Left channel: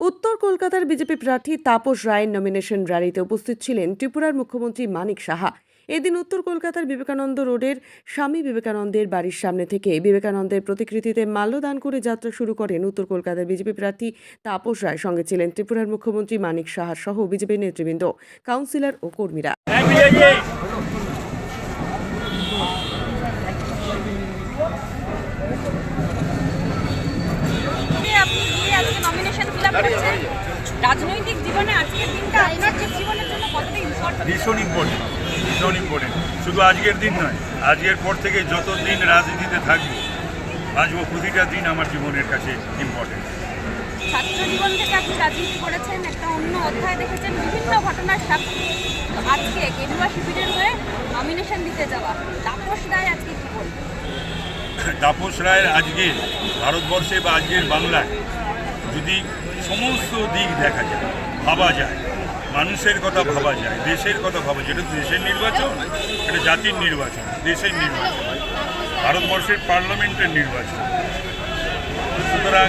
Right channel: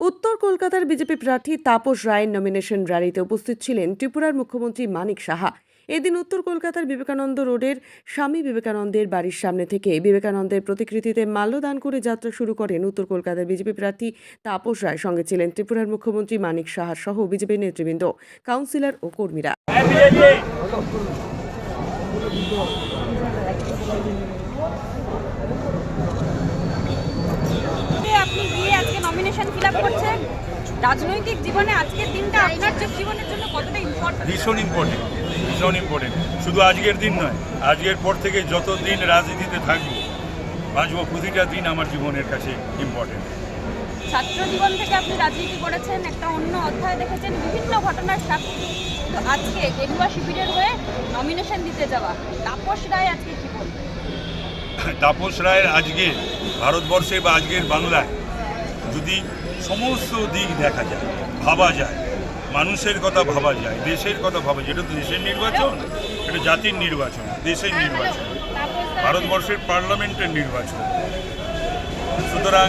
উত্তর কলকাতার বিজেপি প্রার্থী তাপস রায়ের নমিনেশন র্যালিতে উপস্থিত ছিলেন ত্রিপুরার মুখ্যমন্ত্রী মানিক সাহা। এদিন উত্তর কলকাতার বিবেকানন্দ রোডের স্বামী বিবেকানন্দের বাড়ির সামনে থেকে বিবেকানন্দের প্রতিকৃতিতে মাল্যদান করে যাত্রা শুরু করেন উত্তর কলকাতার বিজেপি প্রার্থী তাপস রায়। সঙ্গে ছিলেন ত্রিপুরার মুখ্যমন্ত্রী মানিক সাহা সহ বিজেপি নেতৃবৃন্দ, কাউন্সিলর ও কর্মীরা। আপনি গিয়ে আজকে নমিনেশন ফিল আপ করছেন, রাজনৈতিক জীবনে আজকের দিনটা আপনার জীবনের জন্য কতটা ইম্পর্টেন্ট? ভীষণ ইম্পর্টেন্ট, ভীষণ ইম্পর্টেন্ট। শুধু আজকের দিন নয়, আজকের পর থেকে যত দিন রাজনীতিতে থাকবো, বাঁচবো, প্রতিটা দিন আমার জীবনের কাছে ইম্পর্টেন্ট। ছাত্র জীবন থেকে আপনি রাজনীতি করেছেন, একটা অন্য অধ্যায় দেখেছেন, বিভিন্ন ঘটনার সাক্ষী। তো আজকে গেরুয়া শিবিরের হয়ে নমিনেশন দিতে যাওয়া তাপস রায় আজকে কি বলবেন? তাপস রায়ের আজকে ভারতবর্ষে বা আজকের বাংলায় যদি সমস্ত দিক দেখা যায়, ভাবা যায়, মানুষের কথা ভাবা যায়, দেশের কথা ভাবা যায়, এটা তো দেশের নির্বাচন, এটা জাতির নির্বাচন, দেশের নির্বাচন, ভারতবর্ষের পার্লামেন্টের নির্বাচন। সুতরাং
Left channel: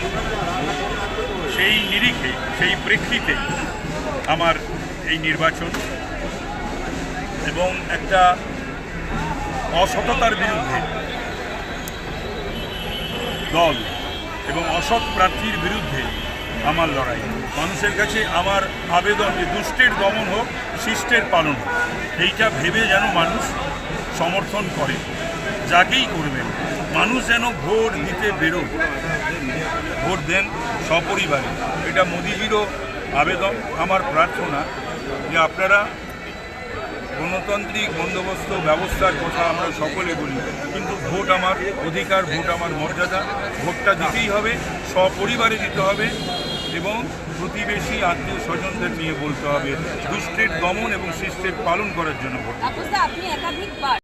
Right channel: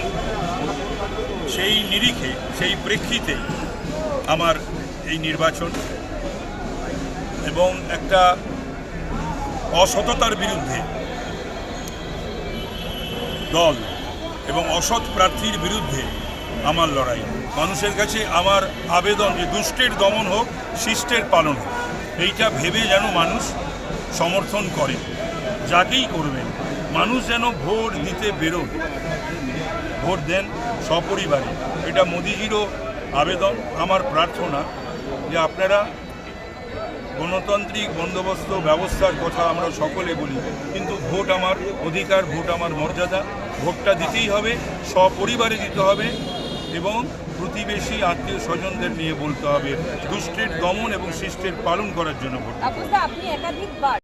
সেই নিরিখে, সেই প্রেক্ষিতে আমার এই নির্বাচন এবং একটা অসততার বিরুদ্ধে দল এবং অসৎ প্রার্থীর বিরুদ্ধে আমার লড়াই। মানুষের কাছে আমার আবেদন যে দুষ্টের দমন হোক, শিষ্টের পালন হোক, এইটা ভেবে যেন মানুষ সমর্থন করে, যাকেই করবেন। মানুষ যেন ভোট দিতে বেরোন, ভোট দেন সপরিবারে। এটা মোদিজিরও আবেদন, আমার প্রার্থনা যে আপনারা গণতান্ত্রিক বন্দোবস্ত ব্যবস্থার কথা আমরা সকলে বলি, কিন্তু ভোট আমার অধিকার, ভোট আমার মর্যাদা, ভোটটা দিতেই হবে, সপরিবারে দিতে হবে এবং প্রতিবেশী আত্মীয় স্বজনদের নিয়ে বলতে হবে। দুষ্টের দমন এবং শিষ্টের পালন করার জন্য ভোট। আপনি একাধিকবার